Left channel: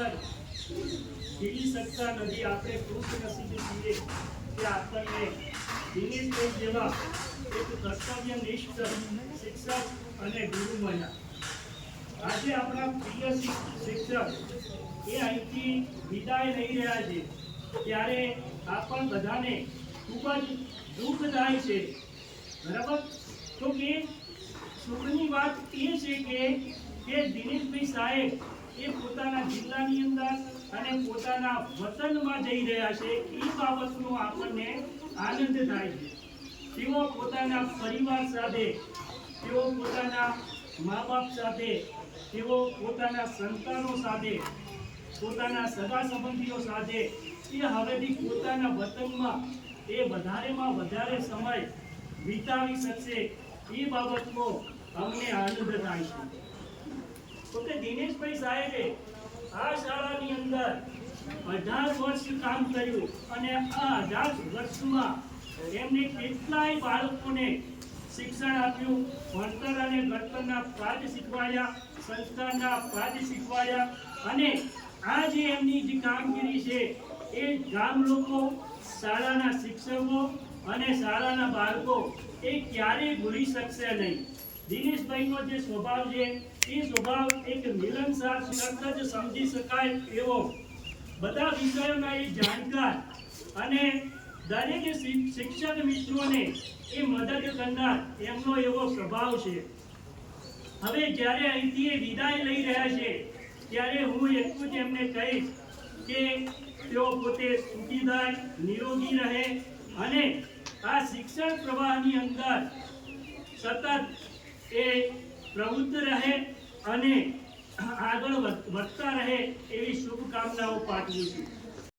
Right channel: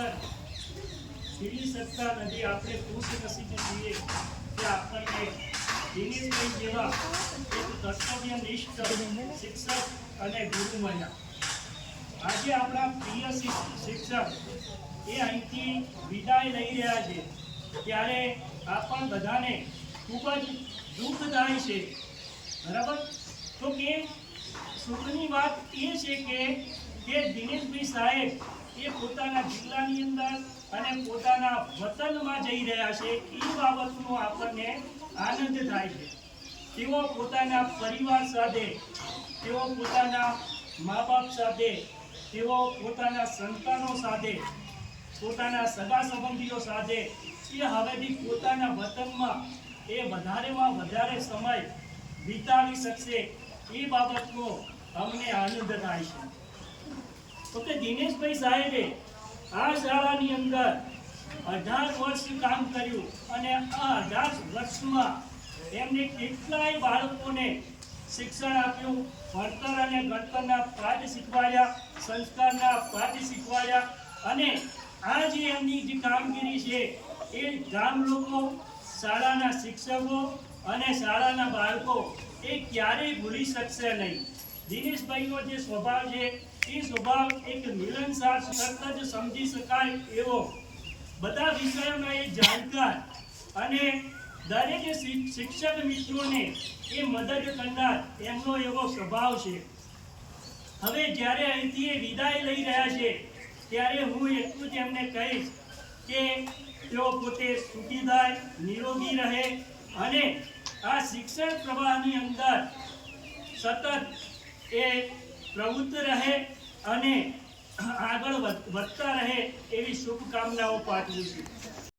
અંદર જીવી શકતા નથી. આપણે ખુશનસીબ છીએ કે આપણને દિનેશભાઈ જેવા એક કર્તવ્યનિષ્ઠ શિક્ષક અને ગુરુ મળ્યા. આજે આપણા પ્રિય શિક્ષક એ અહીંથી વિદાય લઈ રહ્યા છે ત્યારે આપણ બધાને ખૂબ જ દુઃખ થાય છે. બરાબર? તો કે સુખની વાત એ છે કે દિનેશભાઈ સાહેબ એ પોતાના જિલ્લાની અંદર અને પોતાના વતનમાં જઈ રહ્યા છે. એ બાબતનો આપણને આનંદ થાય છે. તેઓ પોતાના પરિવાર સાથે, તેઓ પોતાના મા બાપ સાથે, તેઓ પોતાના સંતાનો સાથે, પોતાના સગા સંબંધીઓ સાથે એ હવેથી પોતાના વતનમાં એ વધારેમાં વધારે સમય વિતાવી શકશે. એ બાબતનો અમને આનંદ થાય છે. તો કે દિનેશભાઈ સાહેબે આ શાળાની અંદર 18 વર્ષ કામ કર્યું અને આ 18 વર્ષમાં એમને કેટલાય બાળકોને શિક્ષણ આપ્યું, ભણતર અને ગણતરના પાઠ શીખવાડ્યા, સંસ્કારના પાઠ શીખવાડ્યા. અને આ જે એમની જે કામગીરી છે એ ગામ લોકો, શાળાના શિક્ષકો અને શાળાના બાળકો એ ક્યારેય ભૂલી શકશે નહીં. દિનેશભાઈનો જે સ્વભાવ છે એ સ્વભાવ એક મિલનસાર, તરત જ સમજી શકાય એવો, બધા વિષયોના એ જાણકાર અને દરેક શિક્ષક મિત્રોને એ મદદ કરનાર એમનો એવો સ્વભાવ છે. હવે જ્યારે અહીંથી એ વિદાય લઈ રહ્યા છે ત્યારે હું એટલું જ એમને કહીશ કે તેઓ પોતે સુખી થાય, નિરોગી રહે અને આ શિક્ષણ પ્રવાહની અંદર સતત એ પ્રવૃત્ત રહે અને આગળ વધતા રહે એવી શુભકામનાઓ પાઠવું છું.